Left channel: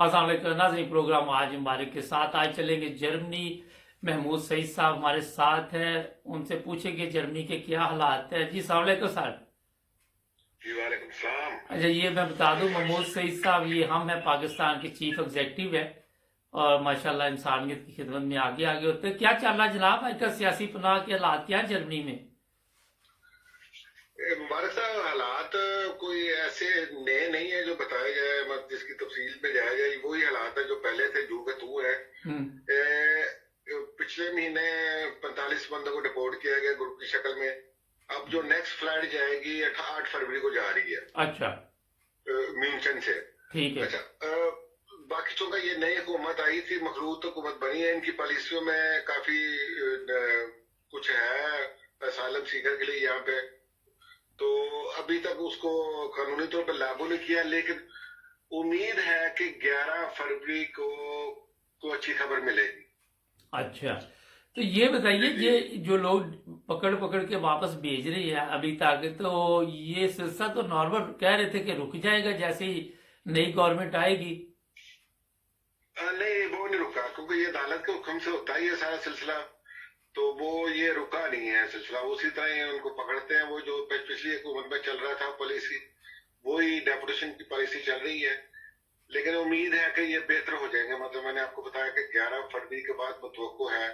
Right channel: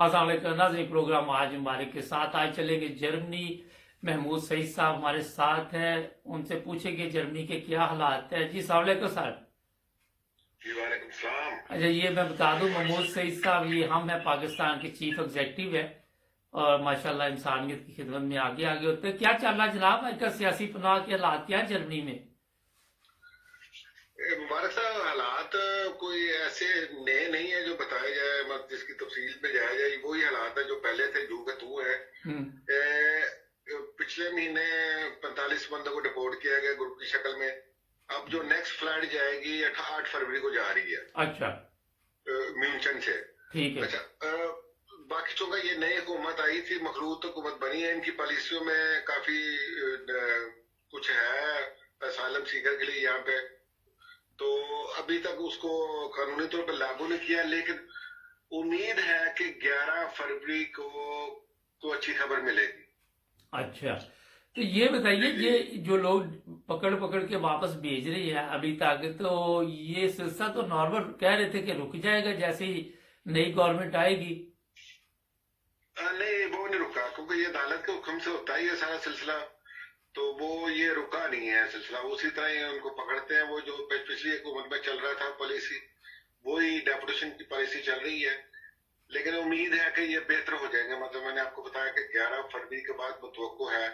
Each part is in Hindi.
अस्सलाम वालेकुम नाज़रीन, प्रोग्राम आज हमारे के साथ आज चलेंगे जर्मनी। महमूद सईद साहब हमारे साथ हैं, उनसे पूछेंगे जर्मनी के क्या हालात है। जी अस्सलाम वालेकुम सर। जी वालेकुम सलाम। अच्छा, ये मैं बता दूं, महमूद सईद साहब ये हम हैं, पाकिस्तान के चीफ एग्जेक्टिव है और माशाल्लाह इंसानियत की खिदमत में आगे आगे होते हैं। क्या चल रहा है जनाब आजकल सियासी पनाह के हालात क्या है जर्मनी में? मुबारक साहब, हालात कोई ऐसे नए नहीं है जो बताया जाए, मत जिसकी तफसील में जाया जाए। वही हालात है जो पहले थे, जू का तू है। पिछले महीने 45 बंदों को डिपोर्ट किया गया ग्रुप की शक्ल में। अब जो नेक्स्ट फ्लाइट जाएगी 8 फरवरी को जा रही है। अच्छा, म्यूनचन से। ठीक है। अच्छा, बाकी चूंकि ये नई हुकूमत आई थी, मखलूत हुकूमत बनी है, इनकी पॉलिसियों में काफी कुछ है असालम सीकर के लिए यहाँ पे। तो अभी तक उसको कानूनी तौर पर लागू नहीं किया, लेकिन उम्मीद है कि 11 फरवरी को अच्छी खबर मिलेगी। अच्छा, तो ये बताइए, ये जो लोग पकड़ पकड़ के वापस भेज रही है अभी तक, तो ये सिलसिला तो नॉर्मल कह रहे थे कि रुक जाएगा जैसे ही नई गवर्नमेंट आएगी। नहीं, वो नहीं रुका, क्योंकि ये अदालत के हुक्म से होता है ये सारा सिलसिला। तो वो ये रुका नहीं है सिलसिला, उसी तरह ही उनको पकड़ते हैं। वो जो पिछली हुकूमत में चल रहा था पॉलिसी, वही डेपुटेशन की पॉलिसी चल रही है। लेकिन उम्मीद है कि ये बेहतर हो जाएंगे। मतलब मैंने आपको बताया कि 11 फरवरी के बाद मुतवक्को है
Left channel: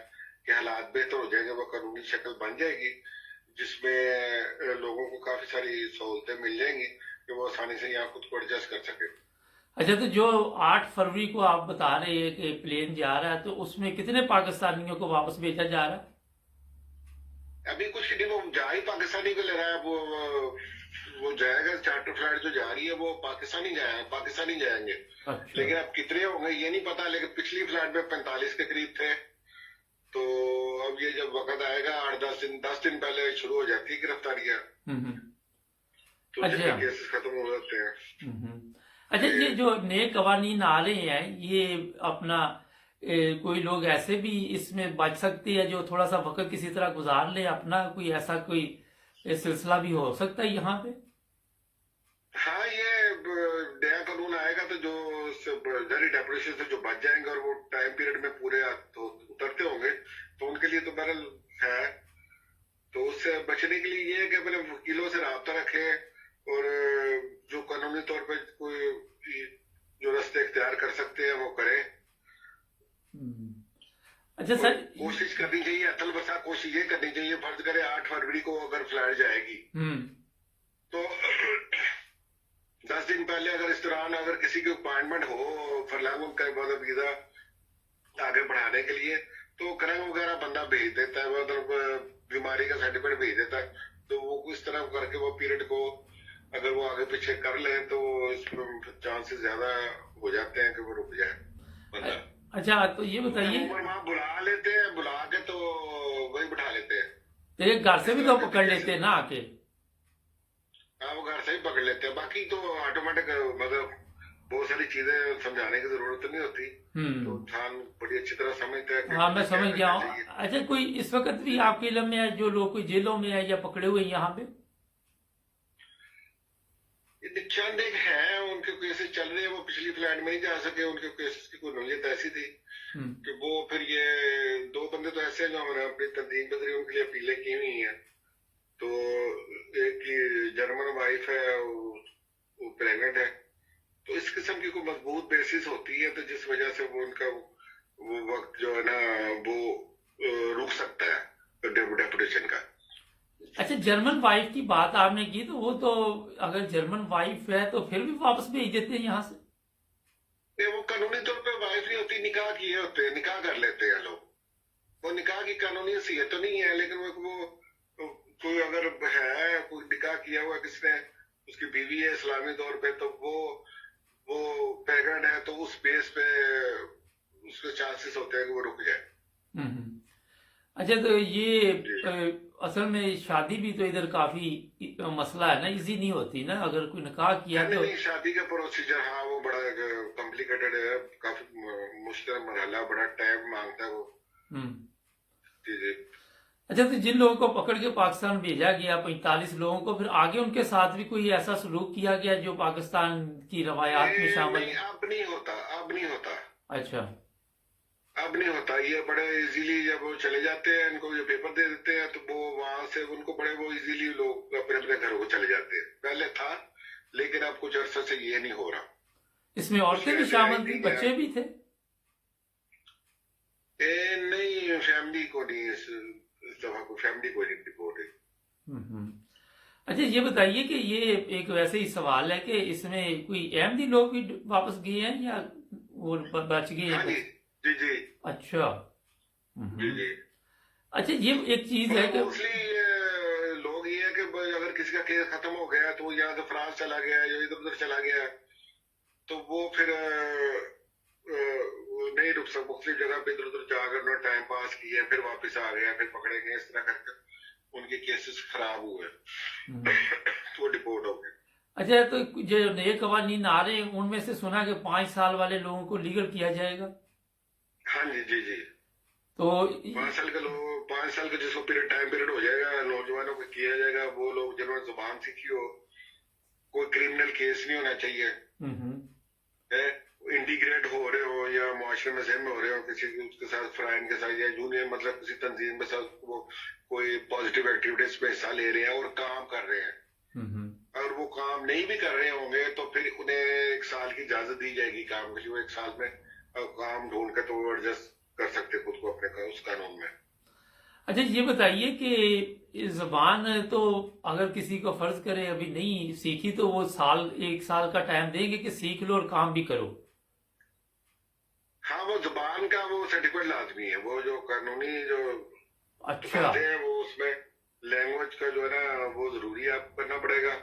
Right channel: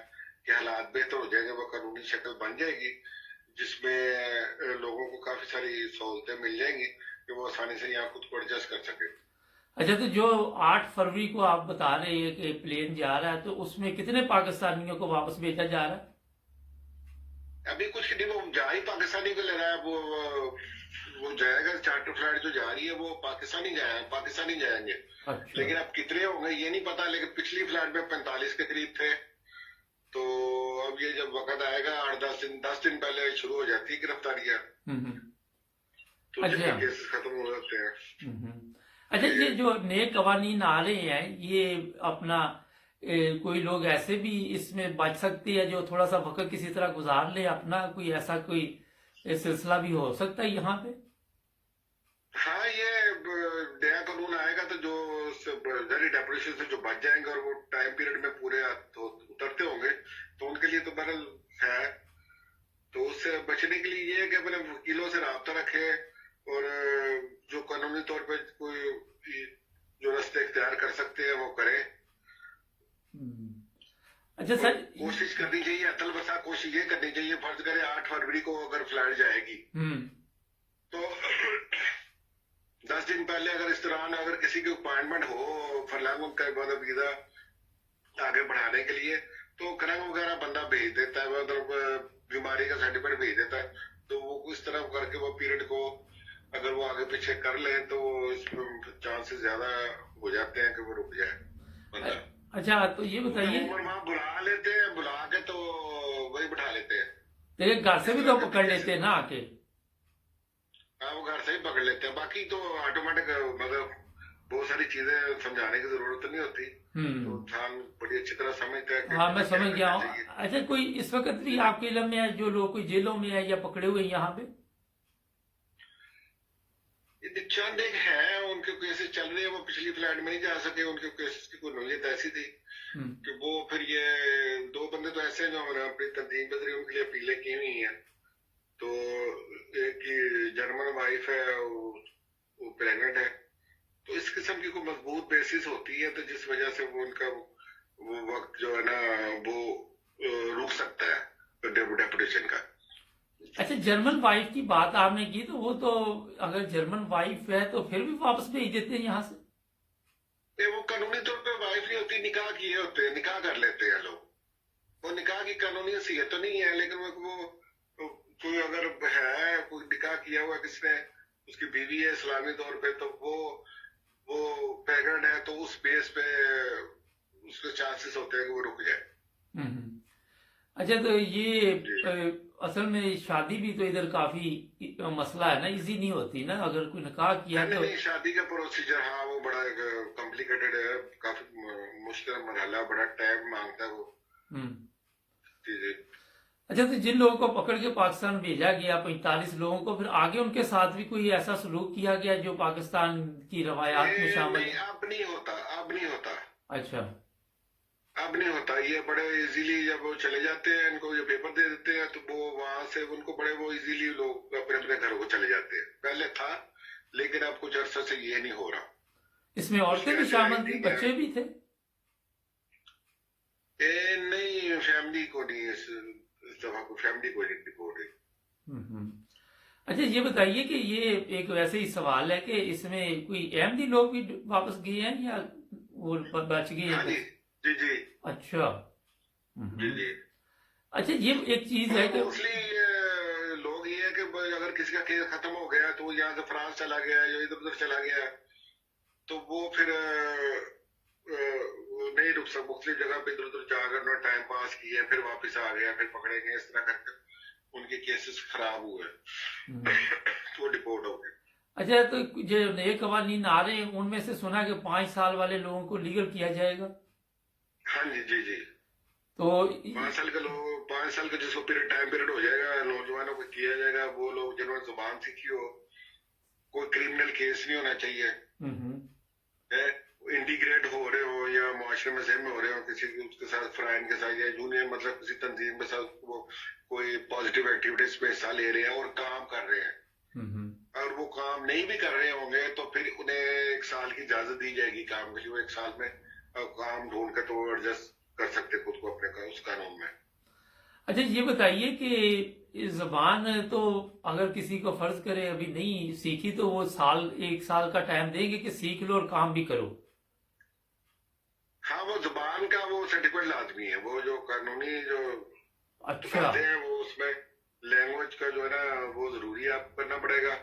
कि हालात बेहतर हो जाएंगे, वो कानूनी शक्ल बन जाएगी जिसमें लोगों को काफी सारी सहूलतें मिल जाएंगी कि वो आसानी से यहाँ खुद को एडजस्ट कर सके। अच्छा, तो जो 8 फरवरी को आप बता रहे हैं कि प्लेन जा रहा है, तो उसमें कितने पाकिस्तानियों को वापस भेजा जा रहा है? अभी कुछ नहीं, वो जा ही पाकिस्तानी को ले रहा है। वो जाएगा, चार्टर फ्लाइट जो जा रही है वो पाकिस्तानी जाएंगे। अच्छा। लेकिन अब कितने होंगे ये नहीं पता, लेकिन पिछली फ्लाइट में 45 के करीब थे। तो अब ये जब वक्त आएगा 10 दिन पहले शुरू हो जाती है गिरफ्तारियां। तो अच्छा। केसेस खत्म हो जाते हैं। अच्छा, ये जो नए कवानीन आ रहे हैं, ये अपना कोई लोग ऐसे भी इसमें बच सकते हैं जो थोड़ा सा वक्त किसी तरह गुजार ले अपना, कोई ऐसा कोई सिलसिला भी हो सकता है यहाँ पे? हाँ, ये नया कानून आएगा तो जो जरी डेपुटेशन से जो बच जाएंगे और वो टाइम पीरियड में पूरे तो उतरते होंगे, तो उनके लिए तो बहरहाल है। तो उससे बचने के लिए ये है कि अपने वकीलों से रब्ता रखे और जो कानूनी तौर पे कोई जो रास्ते इख्तियार कर सकते हैं वो करें। अच्छा सर, कोशिश करनी चाहिए, अतल बसा कोशिश ये करनी चाहिए। फर्ज करे 8 फरवरी को अगर फ्लाइट जाएगी तो 10 दिन पहले अगर इस दौरान अगर किसी की अपॉइंटमेंट हो फरलांग का मतलब वीजा आगे बढ़ाने के लिए, तो करंग वगैरह बंदा भेज देता है, मतलब बीमारी का सर्टिफिकेट भेज देता है। तो वो इस तरह करके वो पीरियड को अगर वो आगे पीछे कर ले तो इसमें चांसेस ज्यादा हो जाते हैं कि वो रुक जाए बंदा। अच्छा, तो ये बताइए, वहाँ बुला लेते हैं, बुला के तो वही बिठा लेते हैं। तेरे घर से भी तो पकड़ लेते हैं ना आके? हाँ, वो घर से ही पकड़ लेते हैं। बाकी तो ऑटोमेटिक, मतलब बहुत सारी चीजें समझाने की जरूरत नहीं होती। तो इंसान बड़ी अच्छी तरह समझता है। हाँ, मैं समझ गया हूँ। अच्छा, कोई इस वक्त भी आपके इल्म में है जो लोग कोई जेलों में है या पकड़े हुए यहाँ पे? चंद एक है, उनके केसेस चल रहे हैं, वो पिछली फ्लाइट में नहीं जा सके। उनके केसेस की कोई नौयत ऐसी थी कि वो फिर ये 2 बंदे तो ऐसे हैं जो हमने अपनी तंजीम के जरिए उनके लिए अपीलें की हुई हैं। तो एक की जर्मन वाइफ है, वो प्रेग्नेंट है। तो इस किस्म की कोई मजबूत बेसिस होती है, तो जिस वजह से वो उनका वो वक्त जो है ना वो रुक सकता है डेपुटेशन का। अच्छा, जर्मन वाइफ की बात आपने की, तो वो तो अगर जर्मन वाइफ है तो फिर भी वापस भेज देते हैं यहाँ से? वो कानूनी तौर पे वाइफ नहीं होती, निकाह किए होते हैं, निकाह कर लेते हैं लोग। वो निकाह की कानूनी हैसियत तो नहीं है, लेकिन वो कोई अगर है, कोई निकाह किया हुआ किसने, उसकी बीवी है इस्लामी तौर पे, तो वो प्रेग्नेंट है, तो उस बेस पे उसके चांसेस होते हैं कि वो रुक जाए। अच्छा, तो ये असल में शादी भी तो इधर काफी मसला है ना, इजी नहीं होती ना अगर कोई निकाह किया तो? नहीं, शादी का प्रोसीजर हाँ वो बड़ा कॉम्प्लिकेटेड है, काफी मुश्किल मरहला, बड़ा टाइम मांगता है वो। जी जी। अच्छा, तो जिन लोगों को पकड़ के पाकिस्तान भेजा गया 45 लोगों को, फिर आगे उनके साथ भी कोई ऐसा सलूक किया गया जो पाकिस्तान की रवायात में शामिल है? अब नहीं अच्छा। अब नहीं होता ये, बड़े इजीली जब वो चले जाते हैं, इनको ये पेपर दे देते हैं तो वो वहां से उनको बड़े वो इजीली लोग अपने अपने घरों को चले जाते हैं। पहले था, लेकिन अब कुछ अरसा से ये नहीं हो रहा। इसमें औरतें उसमें भी ऐसे शामिल आई थी, थी बच्चे भी थे? नहीं, फैमिली को नहीं, इस दफा को फैमिली को नहीं रिपोर्ट है। हम्म। अच्छा, ये बताइए कि ये एक वैसे ही सवाल है कि इसमें कोई अहमदी लोग भी वापस गए हैं या वो बच गए हैं हाँ जी, बस? जी जी, अच्छा। जी हम्म। जी। अच्छा, ये एक चीज है मतलब कि मोस्टली लोग ये है कि अगर किसी का केस खत्म हो गया तो वो यहाँ से फ्रांस चला गया या इधर उधर चला गया, तो वो फिर वो नहीं रुक सकता, मुख्तलिफ जगह पे इधर उधर जाकर उन्होंने टाइम पास किया, फिर वापस आ गया, फिर पकड़े गए, इस तरह करके उनके केसेस खराब हुए हम्म। तो वो डिपोर्ट हो गए। अच्छा, तो जो नए कवानीन आ रहे हैं उनमें से सुना कि 5 साल वाले लोगों को लीगल किया जाएगा। हाँ जी, जी जी। तो 5 साल का लोग, 5 साल का जिसको पीरियड टाइम पीरियड हो जाएगा, नौजवानों को किया जाएगा। वो लोग जिन्होंने जुबान सीखी हो, कोई क्रिमिनल केस नहीं होना चाहिए हम्म। है, इंटीग्रेट हो रहे हो या मुआशरे में जहम में हो रहे हो किसी उसके साथ, फ्राइन के साथ या यूनियन, मतलब किसी तंजीम के साथ वो कोई पॉजिटिव एक्टिविटीज में हिस्सा ले रहे हैं और काम कर रहे हैं, हम्म। और वो काम नहीं भी कर रहे होंगे तो फिर उन्हें 1 साल की इजाजत दी जाएगी काम के लिए। वो 1 साल में काम ढूंढ कर तो एडजस्ट कर सकते खुद को अपने उस कानून में। अच्छा, ये बताइए कि ये जबान तो अगर किसी को फर्ज करे अभी नहीं सीखी तो वो 1 साल का टाइम देंगे कि सीख लो और काम भी करो? हाँ, वो जुबान का वो सर्टिफिकेट लाजमी है, वो जो कानूनी जो अच्छा। बातें हैं वो उसमें लैंग्वेज का जो है ना वो जरूरी है, आपको करना पड़ेगा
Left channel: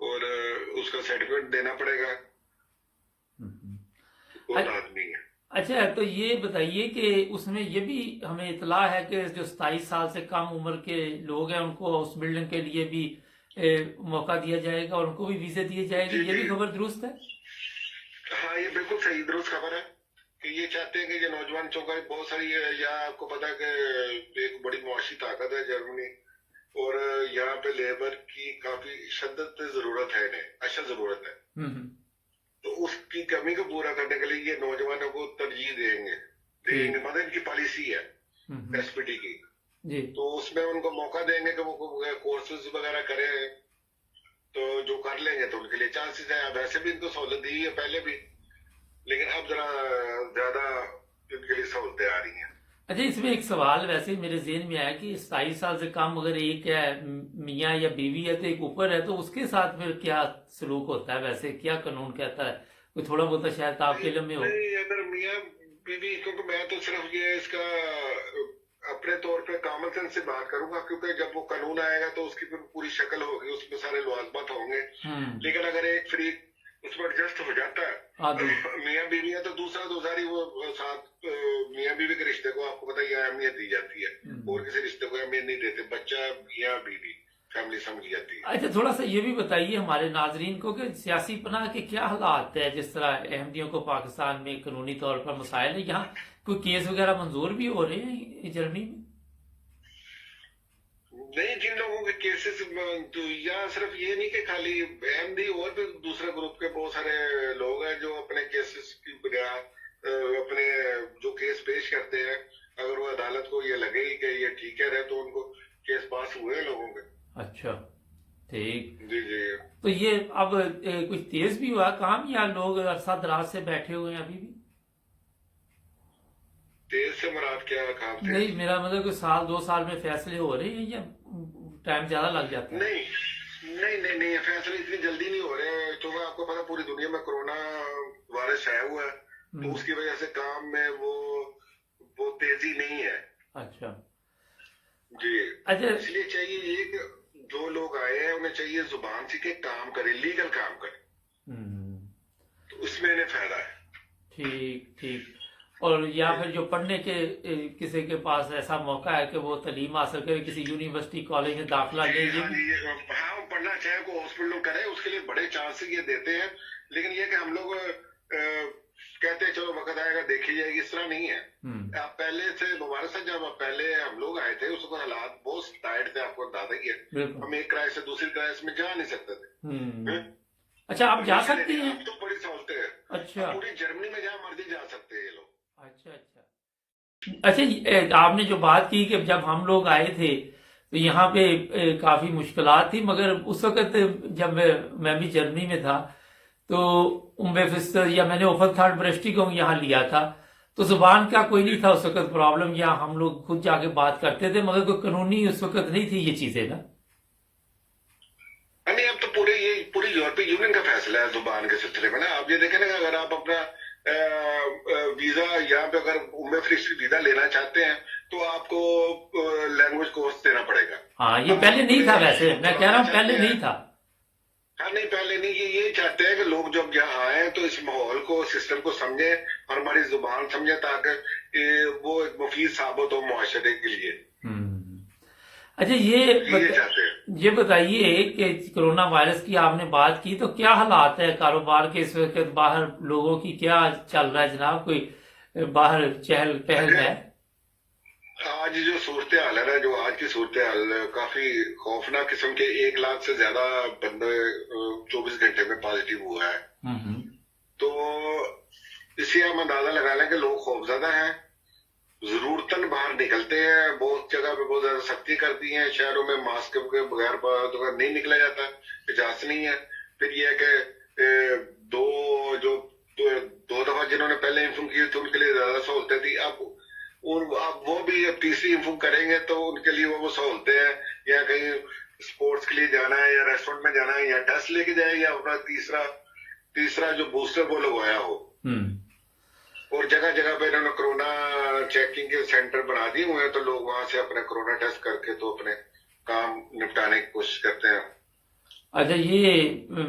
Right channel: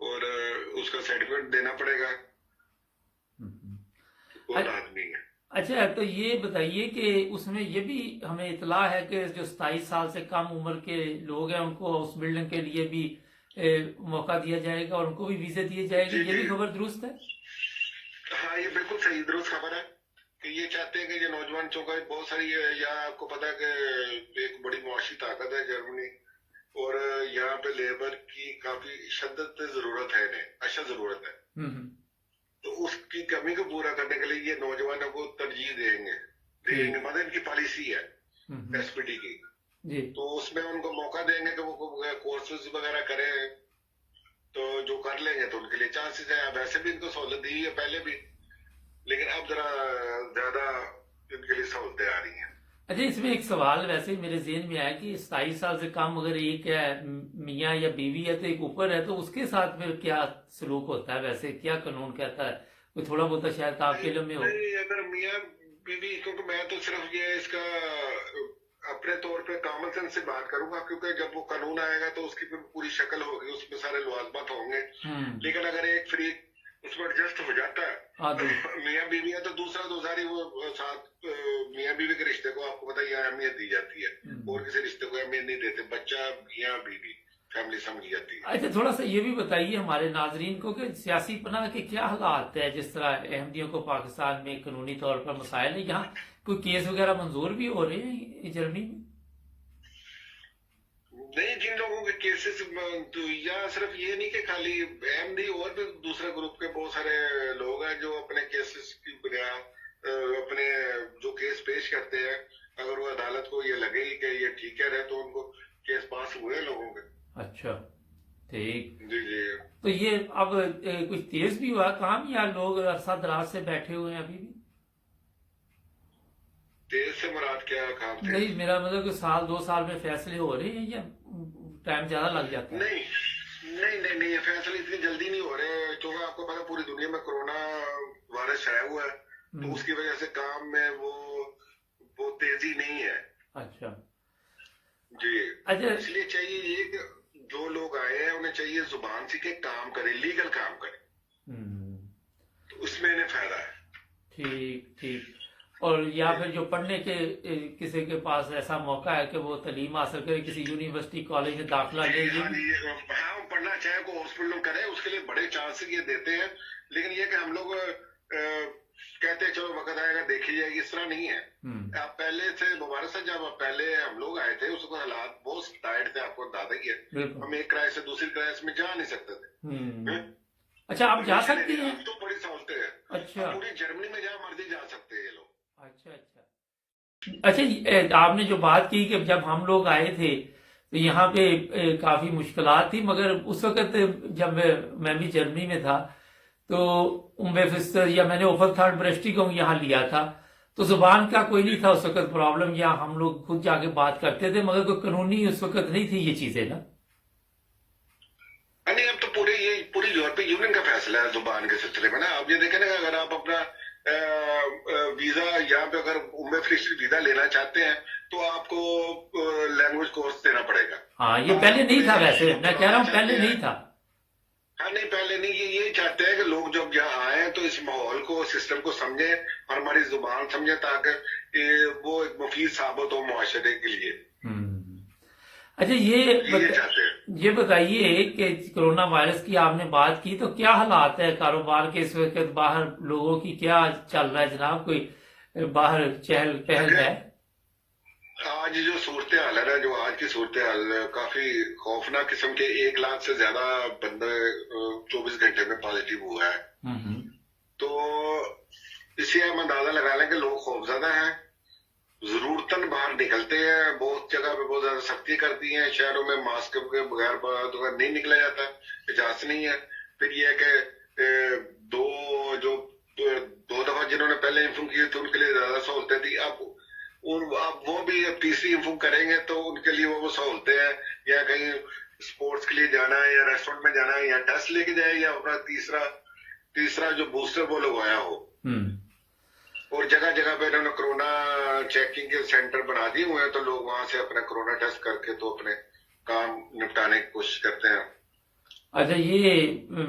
और उसका सर्टिफिकेट देना पड़ेगा, हम्म। वो अ- लाजमी है। अच्छा, तो ये बताइए कि उसमें ये भी हमें इतला है कि जो 27 साल से कम उम्र के लोग हैं उनको हाउस बिल्डिंग के लिए भी मौका दिया जाएगा और उनको भी वीजे दिए जाएंगे, जी ये भी जी, खबर दुरुस्त है? हाँ ये बिल्कुल सही दुरुस्त खबर है कि ये चाहते हैं कि ये नौजवान चौका बहुत सारी है, या आपको पता है कि एक बड़ी मुआशी ताकत है जर्मनी, और यहाँ पे लेबर की काफी शिद्दत जरूरत है, इन्हें अच्छा जरूरत है। हम्म। तो उसकी कमी को पूरा करने के लिए ये नौजवानों को तरजीह देंगे, ठीक। मतलब इनकी पॉलिसी है हम्म। एसपीटी की। जी। तो उसमें उनको मौका देंगे कि वो कोर्सेज वगैरह करें, तो जो कर लेंगे तो उनके लिए चांसेस है। अब वैसे भी इनको सहूलत दी है पहले भी, लेकिन अब जरा ज्यादा इनके लिए सहूलतें आ रही हैं। अच्छा, इसमें एक सवाल वैसे ही मेरे जेहन में आया कि 27 साल से कम अगर एक है मियाँ या बीवी है तो एक ऊपर है, तो उसके साथ फिर क्या सलूक होता है, वैसे क्या कानून कहता है? कोई थोड़ा बहुत शायद आपके इल्म में हो। नहीं, अगर मियाँ बीवी, क्योंकि मैं तो सिर्फ ये इसका अपने तौर पे कॉमन सेंस से बात करूंगा, क्योंकि जब वो कानून आएगा तो उसकी फिर पूरी शक्ल होगी, उसमें सारे लवाजमात होंगे। लेकिन अगर एक फ्री उसमें एडजस्ट हो जाता है आदि। मियाँ बीवी है तो दूसरा तो सारी वो साथ मियाँ बीवी के रिश्ते को आपको पता ही है अहमियत दी जाती है, और किसी रिश्ते को अहमियत नहीं देते, बच्चा मियाँ बीवी फैमिली समझ जाती है। अच्छा, थोड़ा सा ये भी बताइए हमारे नाजरीन को कि सियासी पनाह के क्या हालात है, जिस तरह अहमदियों को पाकिस्तान में कानूनी तौर पर मसाइल है, यहाँ कोई केस वगैरह मंजूर भी हो रहे हैं जर्मनी में? नहीं, जिन लोगों के केसेस तो या सिर्फ ये नहीं कि खाली अहमदी, और भी दूसरे ग्रुप के बहुत सारे लोग हैं जो अपने केसेस की बुनियाद अपने जो केस पेश करते हैं, अगर वो अदालत को ये लगे कि ये ठीक है तो उनको केस पास हुए हैं लोगों के। अच्छा, ठीक। जी जी। तो ये अब कुछ तेज भी हुआ काम या लोग अरसा दराज से बैठे हुए हैं अभी भी? तेज से मुराद क्या काम थे? नहीं, मेरा मतलब कि 1-2 साल में फैसले हो रहे हैं या टाइम ज्यादा लग जाता है? नहीं नहीं नहीं नहीं, फैसले इतनी जल्दी नहीं हो रहे, क्योंकि आपको पता पूरी दुनिया में कोरोना वायरस छाया हुआ है, तो उसकी वजह से काम में वो तेजी नहीं है। अच्छा। जी। अच्छा। इसलिए चाहिए ये कि जो लोग आए हैं उन्हें चाहिए जुबान सीखे, काम करे, लीगल काम करे, तो उसमें इन्हें फायदा है। ठीक ठीक। और या फिर जो पढ़ने के किसी के पास ऐसा मौका है कि वो तालीम हासिल करे, किसी यूनिवर्सिटी कॉलेज में दाखिला ले, ये भी? हाँ, वो पढ़ना चाहे को हॉस्पिटल करे, उसके लिए बड़े चांसेस ये देते हैं, लेकिन ये कि हम लोग कहते हैं चलो वक्त आएगा देखी जाएगी, इस तरह नहीं है। आप पहले से मुबारक से, जब पहले हम लोग आए थे उसको हालात बहुत टाइट थे, आपको अंदाजा ही है, हम एक क्राइस से दूसरी क्राइस में जा नहीं सकते थे। अच्छा, आप जा सकते हैं? तो बड़ी सहूलतें हैं। अच्छा पूरी जर्मनी में जहाँ मर्जी जा सकते हैं ये लोग। अच्छा अच्छा अच्छा आपने जो बात की कि जब हम लोग आए थे तो यहाँ पे काफी मुश्किलात थी, मगर उस वक्त जब मैं भी जर्मनी में था तो उम्बेफिस्टर या मैंने ओफल थर्ड ब्रेस्टिकोंग यहाँ लिया था, तो जुबान का कोई नहीं था उस वक्त प्रॉब्लम, या हम लोग खुद जाके बात करते थे, मगर कोई कानूनी उस वक्त नहीं थी ये चीजें ना। नहीं, अब तो पूरी यूरोपीय यूनियन का फैसला है जुबान के सिलसिले में ना। आप ये देखें ना, अगर आप अपना वीजा यहाँ पे अगर उम्र फ्री वीजा लेना चाहते हैं तो आपको लैंग्वेज कोर्स देना पड़ेगा। हाँ ये पहले नहीं था, वैसे मैं कह रहा हूँ पहले नहीं था। हाँ नहीं, पहले नहीं। ये चाहते हैं कि लोग जब यहाँ आए तो इस माहौल को, सिस्टम को समझे और हमारी जुबान समझे, ताकि वो एक मुफीद साबित हो मुआशरे के लिए। अच्छा चाहते हैं। ये बताइए कि कोरोना वायरस की आपने बात की, तो क्या हालात है कारोबार के इस वक्त, बाहर लोगों की क्या चल रहा है जनाब, कोई बाहर चहल पहल है? आज जो सूरत हाल है ना, जो आज की सूरत हाल काफी खौफनाक किस्म के, 1 लाख से ज्यादा बंदे 24 घंटे में पॉजिटिव हुआ है। तो इससे हम अंदाजा लगा लें कि लोग खौफजदा हैं, जरूरतन बाहर निकलते हैं। बहुत जगह पे बहुत ज्यादा सख्ती कर दी है, शहरों में मास्क के बगैर तो नहीं निकला जाता, इजाजत नहीं है। फिर यह है कि दो दफा जिन्होंने पहले इन्फॉर्म किए थे उनके लिए ज्यादा सहूलतें थी। अब वो भी अब तीसरी इन्फॉर्म करेंगे तो उनके लिए वो सहूलतें हैं, या कहीं स्पोर्ट्स के लिए जाना है या रेस्टोरेंट में जाना है या टेस्ट लेके जाए या अपना तीसरा जो बूस्टर वो लगवाया हो। और जगह जगह पे इन्होंने कोरोना चेकिंग के सेंटर बना दिए हुए हैं, तो लोग वहां से अपना कोरोना टेस्ट करके तो अपने काम निपटाने की कोशिश करते हैं। अच्छा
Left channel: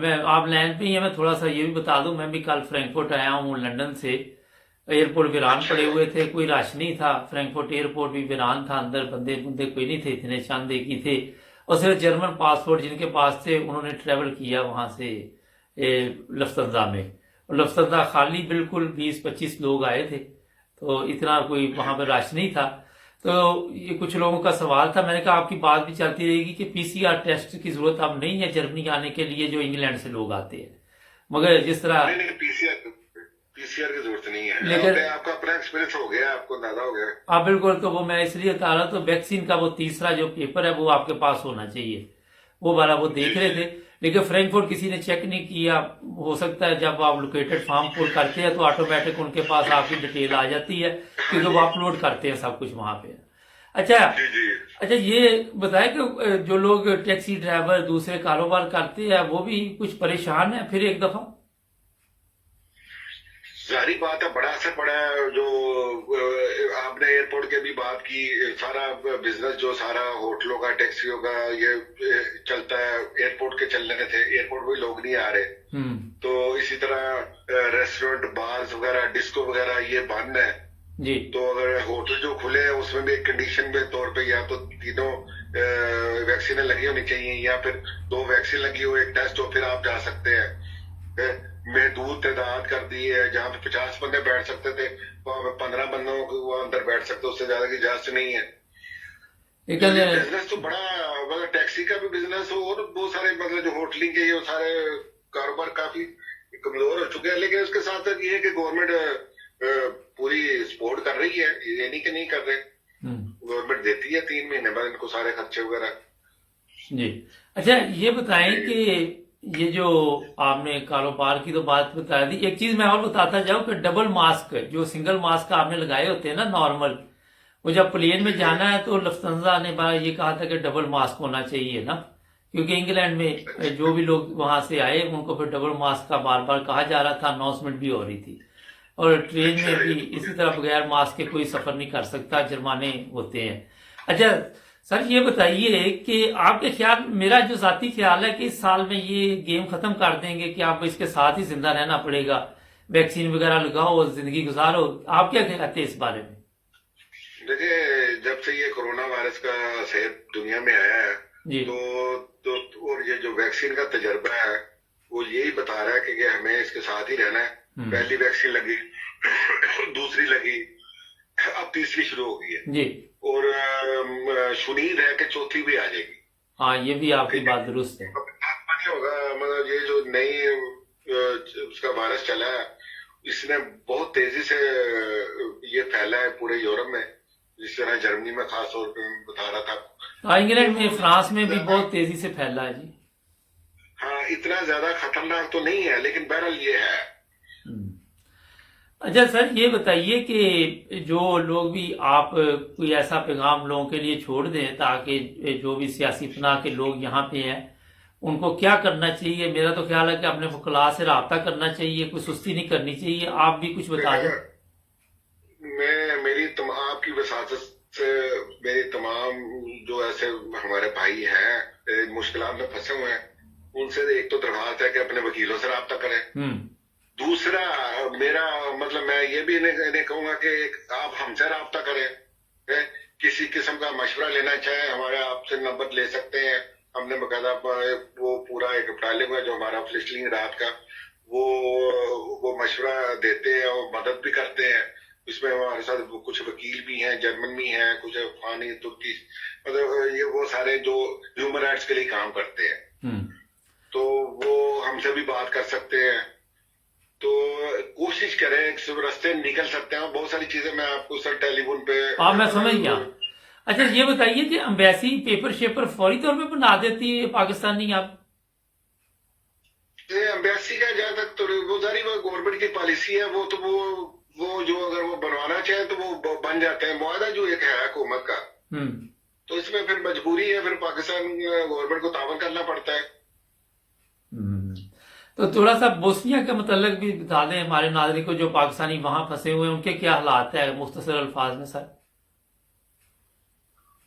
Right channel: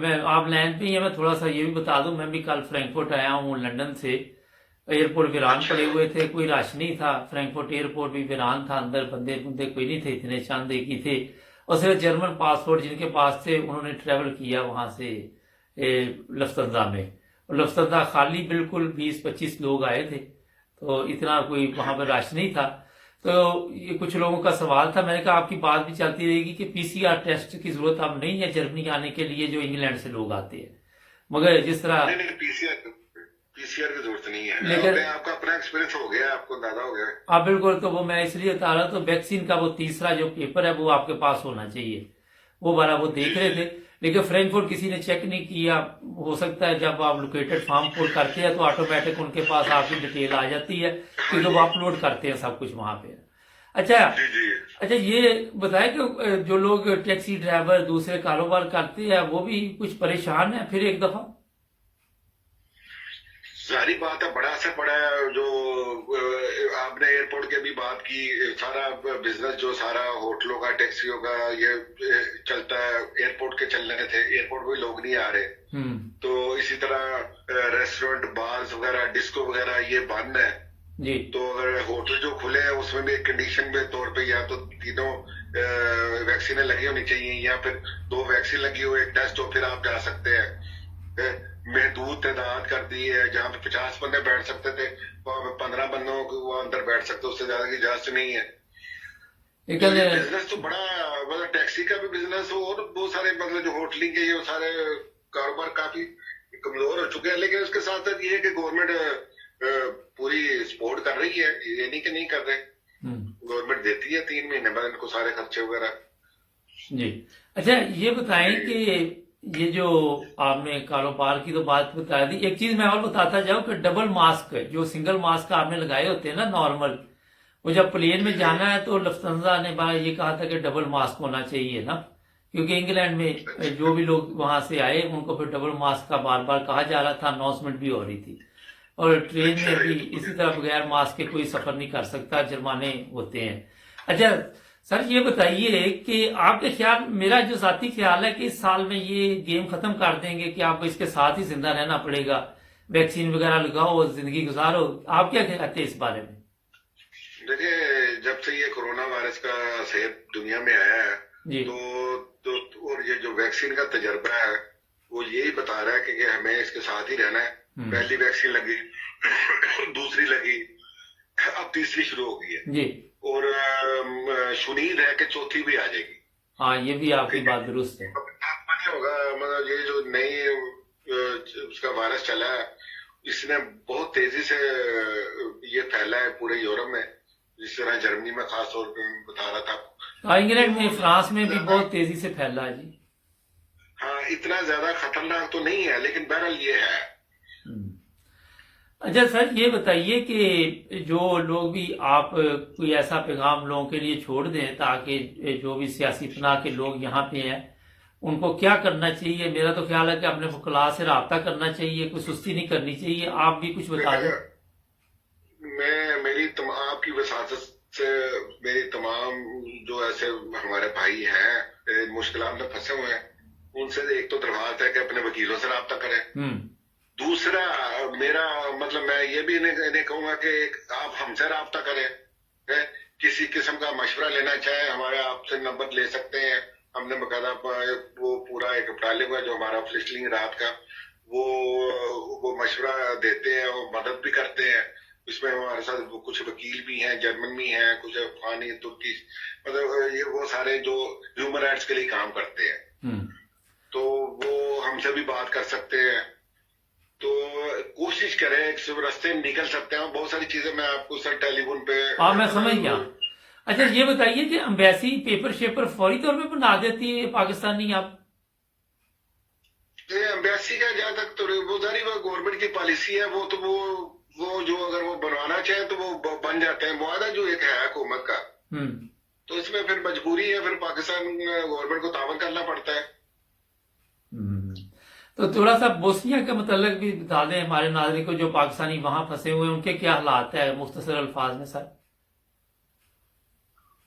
मैं आप लाइन पे ही है, मैं थोड़ा सा ये भी बता दूं, मैं भी कल फ्रैंकफर्ट आया हूँ लंदन से। एयरपोर्ट वीरान पड़े हुए थे, कोई रश नहीं था, फ्रैंकफर्ट एयरपोर्ट भी वीरान था, अंदर बंदे कोई नहीं थे, इतने चंद एक ही थे, और सिर्फ जर्मन पासपोर्ट जिनके पास थे उन्होंने ट्रेवल किया वहां से लफ्तंजा में। लफ्तंजा खाली बिल्कुल, 20-25 लोग आए थे, तो इतना कोई वहां पर रश नहीं था। तो ये कुछ लोगों का सवाल था, मैंने कहा आपकी बात भी चलती रहेगी कि पीसीआर टेस्ट की जरूरत अब नहीं है जर्मनी आने के लिए जो इंग्लैंड से लोग आते हैं, मगर जिस तरह नहीं, पीसीआर की जरूरत नहीं है। लेकिन आपका अपना एक्सपीरियंस हो गया, आपको अंदाजा हो गया। हाँ बिल्कुल, तो वो मैं इसलिए बता रहा, तो वैक्सीन का वो तीसरा जो पेपर है वो आपके पास होना चाहिए, वो वाला वो देख रहे थे। लेकिन फ्रैंकफर्ट किसी ने चेक नहीं किया। हो सकता है जब आप लोकेटेड फॉर्म पुल करते हैं तो ऑटोमेटिक उनके पास आपकी डिटेल आ जाती है, क्योंकि वो अपलोड करते हैं सब कुछ वहां पे। अच्छा ये बताए कि जो लोग टैक्सी ड्राइवर दूसरे कारोबार करते हैं वो भी कुछ परेशान है फिर एक दफा? सारी बात है, बड़ा असर पड़ा है। जो आपने एयरपोर्ट की भी बात की, सारा बिजनेस जो सारा होटलों का, टैक्सियों का ये चलता है, एयरपोर्ट के चलने थे, एयरपोर्ट पे लोग नहीं आ रहे। तो इसी तरह रेस्टोरेंट, बार्स वगैरह, डिस्को वगैरह ये बंद है जी। तो अगर होटल जो खुले हैं उसमें भी एक कंडीशन के तौर पे या तो तीनों वैक्सीन लगी होनी चाहिए, या फिर 2 वैक्सीन लगी हो, एक टेस्ट हो, फिर आप जा सकते हैं। महदूद तादाद कर दी है, जहाँ पे 50 बंदे बैठ सकते थे वहां पे 15 बंदों को वो अंदर बैठ सकते, उससे ज्यादा की इजाजत नहीं है। बिजनेस तो बड़ा, मतलब टैक्सी का भी बिजनेस हो और बहुत सारे, मतलब जो होटलिंग के ये सारे कारोबार काफी कमजोर हो चुके हैं। लेकिन उसके साथ साथ ये है कि गवर्नमेंट पूरी सपोर्ट कर रही है, ये नहीं कि नहीं कर रहे। गवर्नमेंट देती है 3 महीने बाद इनको सारे खर्चे वगैरह जी। अच्छा ये बताएं कि ये जो आपने कारोबार की तो बात बता दी, एक चीज मैं और बताता जाऊं कि डबल मास्क, जो सिंगल मास्क आपने लगाए होते हैं ना नॉर्मल, वो जब प्लेन में जाना है तो लफ्तंजा ने ये कहा था कि डबल मास्क होना चाहिए ना, क्योंकि इंग्लैंड में जो भी लोग वहां से आए उनको फिर डबल मास्क का बार बार कहा जा रहा था, अनाउंसमेंट भी हो रही थी। और ट्रेन में भी इसी तरह बगैर मास्क के कोई सफर नहीं कर सकता, जुर्माने होते हैं। अच्छा सर ये बताइए कि आपके ख्याल, मेरा जो जाती ख्याल है कि इस साल में ये गेम खत्म कर देंगे कि आपको इसके साथ ही जिंदा रहना पड़ेगा, वैक्सीन वगैरह लगाओ, जिंदगी गुजारो, आप क्या कहते हैं इस बारे में? देखिए, जब से ये कोरोना वायरस का सेहत दुनिया में आया है जी। तो और ये जो वैक्सीन का तजर्बा है वो यही बता रहा है कि हमें इसके साथ ही रहना है। पहली वैक्सीन लगी, दूसरी लगी, अब तीसरी शुरू हो गई है जी। और उम्मीद है कि चौथी भी आ जाएगी। हाँ ये भी आपकी बात दुरुस्त है। होगा, मतलब ये जो नई उसका वायरस चला है इसने बहुत तेजी से ये फैला है पूरे यूरोप में, जिस तरह जर्मनी में खास तौर पे मैं बता रहा था। इंग्लैंड में, तो फ्रांस में भी ज्यादा, बहुत तेजी से फैला है जी। हाँ, इतना ज्यादा खतरनाक तो नहीं है, लेकिन बहरहाल ये है। हम्म। अच्छा सर, ये बताइए कि जो लोग भी आप कोई ऐसा पैगाम लोगों के लिए छोड़ दें ताकि जो भी सियासी पनाह के लोग यहाँ पे हैं उनको क्या करना चाहिए? मेरा तो ख्याल है कि अपने वकला से रब्ता करना चाहिए, कोई सुस्ती नहीं करनी चाहिए। आप भी कुछ बता दें। आपकी वसात से मेरी तमाम जो ऐसे हमारे भाई हैं मुश्किलात में फंसे हुए हैं, उनसे एक तो दरख्वास्त है कि अपने वकीलों से रब्ता करें। दूसरा, मेरा मतलब मैं ये भी इन्हें कहूंगा कि आप हमसे रब्ता करें, किसी किस्म का मशवरा लेना चाहे हमारे आपसे नंबर ले सकते हैं। हमने बकायदा वो पूरा एक टालिम है जो हमारा फ्लिस्टिंग रात का, वो मशवरा देते हैं और मदद भी करते हैं। इसमें हमारे साथ कुछ वकील भी हैं, जर्मन भी हैं, कुछ अफगानी, तुर्की, मतलब ये वो सारे जो ह्यूमन राइट्स के लिए काम करते हैं, तो वो हमसे भी बात कर सकते हैं। तो कोशिश करें, सिर्फ रास्ते में निकल सकते हैं। बहुत सारी चीजें मैं आपको सर टेलीफोन पे, हाँ मैं समझ गया। अच्छा ये बताइए कि एम्बेसी पेपर शेपर फौरी तौर पे बना देती है पाकिस्तानी? आप एम्बेसी का जहां तक तो वो जारी वो गवर्नमेंट की पॉलिसी है, वो तो वो जो अगर वो बनवाना चाहे तो वो बन जाते हैं। मुआहदा जो एक है हुकूमत का, तो इसमें फिर मजबूरी है, फिर पाकिस्तान गवर्नमेंट को तावन करना पड़ता है। तो थोड़ा सा बोस्निया के मतलब भी बता दें हमारे नागरिक को जो पाकिस्तानी वहां फंसे हुए हैं, उनके क्या हालात है मुख्तसर अल्फाज में सर?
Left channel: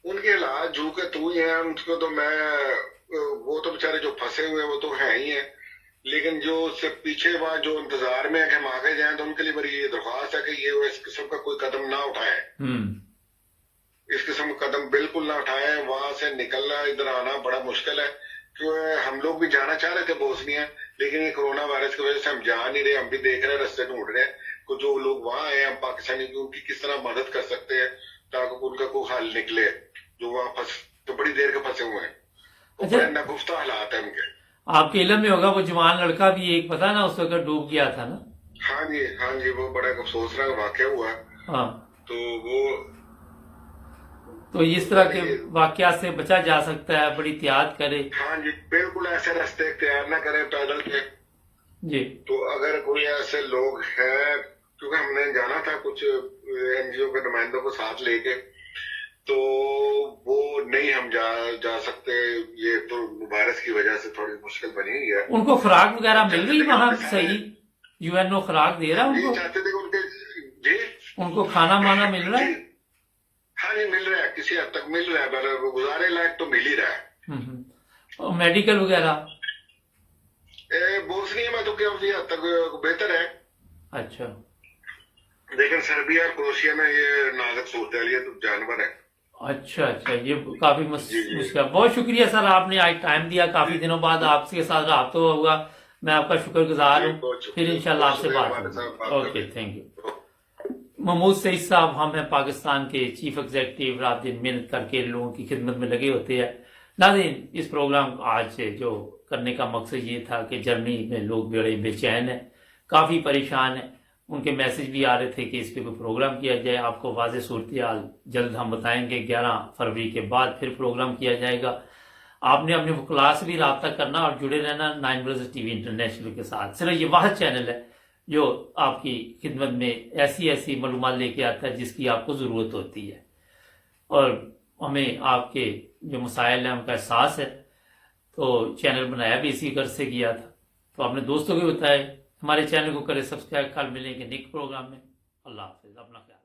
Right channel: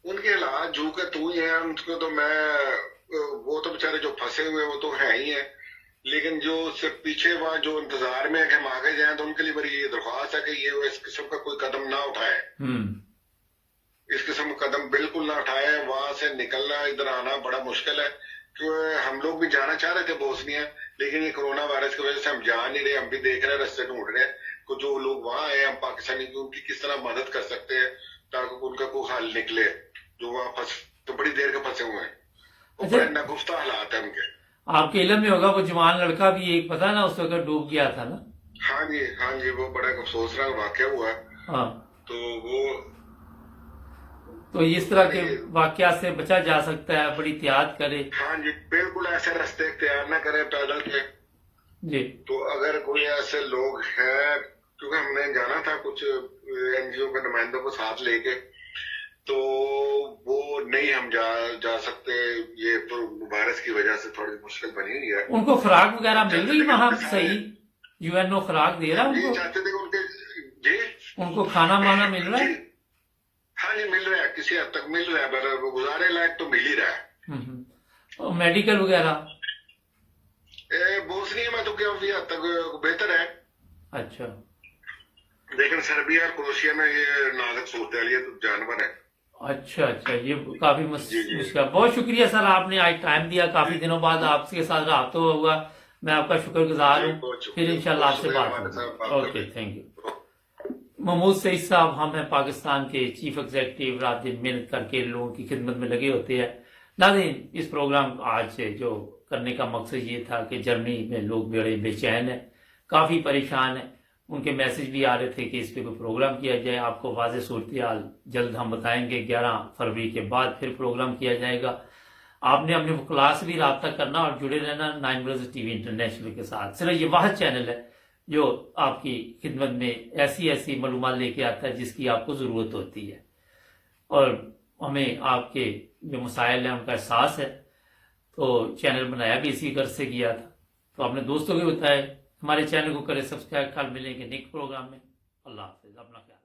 उनके हालात जो के तू ही है, उनको तो मैं, वो तो बेचारे जो फंसे हुए हैं वो तो है ही है, लेकिन जो उससे पीछे वहां जो इंतजार में है कि हम आगे जाएं, तो उनके लिए बड़ी ये दरख्वास्त है कि ये इस किस्म का कोई कदम ना उठाए, इस किस्म का कदम बिल्कुल ना उठाए। वहां से निकलना, इधर आना बड़ा मुश्किल है। क्यों हम लोग भी जाना चाह रहे थे बोस्निया, लेकिन ये कोरोना वायरस की वजह से हम जा नहीं रहे। हम भी देख रहे हैं, रास्ते ढूंढ रहे हैं कि जो लोग वहां आए, हम पाकिस्तानी उनकी किस तरह मदद कर सकते हैं ताकि उनका कोई हल निकले, जो वहां फंस तो बड़ी देर के फंसे हुए हैं। अच्छा, बड़े नागुफ्ता हालात है उनके। आपके इल्म में होगा वो जवान लड़का भी एक पता ना उस वक्त डूब गया था ना? हाँ जी, वो बड़ा अफसोसनाक वाकया हुआ है। हाँ, तो इस तरह के वाकया से बचा जा सकता है, बड़ी एहतियात करे। हाँ जी, बिल्कुल ऐसे रास्ते तैयार ना करें पैदल के जी। तो अगर कोई ऐसे लोग हैं, क्योंकि हमने जाना था कुछ एनजीओ के नुमाइंदों को साथ लेके, तो वो नहीं हम जा सकते। ये तो वायरस की वजह से थोड़ी मुश्किल बनी हुई है। उनको खुराक वगैरह मिल रही वहां सही? यूएनओ खुराक दे रहा उनको? चाहते थे उनके जी, उनको खाना माना मिल रहा है? हाँ जी, मिल रहा है, किसी हद तक मिल रहा है, पर गुजारे लायक तो मिल ही रहा है। और मेडिकल वगैरह बोस्निया में तो काफी हद तक बेहतर है। अच्छा, लेकिन सर्बिया और क्रोशिया में ये नाजुक सूरत है, ये तो जानवर है। अच्छा, ये काफी मुश्किल। बहुत शुक्रिया सर, आपने आज टाइम दिया, काफी दिनों बाद आपके साथ राब्ता हुआ। मैं आपका शुक्रगुजार हूँ। फिर इंशाल्लाह आपसे बात होगी। Okay, thank you. Mahmood Saeed sahab हम हैं पाकिस्तान के चीफ एग्जीक्यूटिव, रात दिन मेहनत करके लोगों की खिदमत में लगे होते हैं। नाज़रीन, इस प्रोग्राम आज जो करने का मकसद ये था कि जर्मनी में लोग बड़े बेचैन हैं, काफ़ी परेशान हैं। उनके मैसेज भी आ रहे थे कि इस पर कोई प्रोग्राम किया जाए। आपको वाज़ेह सूरत हाल जल्द हम बताएंगे। 11 फरवरी के बाद फिर प्रोग्राम किया जाएगा। आपने अपने वकला से भी रब्ता करना और जुड़े रहना 9 ब्रदर्स टीवी इंटरनेशनल के साथ। सिर्फ ये वाहिद चैनल है जो आपकी खिदमत में ऐसी मालूमात लेके आता है जिसकी आपको ज़रूरत होती है, और हमें आपके जो मसाइल हैं उनका एहसास है। तो चैनल बनाया भी इसी गर्ज से किया था। तो अपने दोस्तों को बताएं, हमारे चैनल को करें सब्सक्राइब। कल मिलेंगे नेक्स्ट प्रोग्राम में। अल्लाह हाफिज़, अपना ख्याल।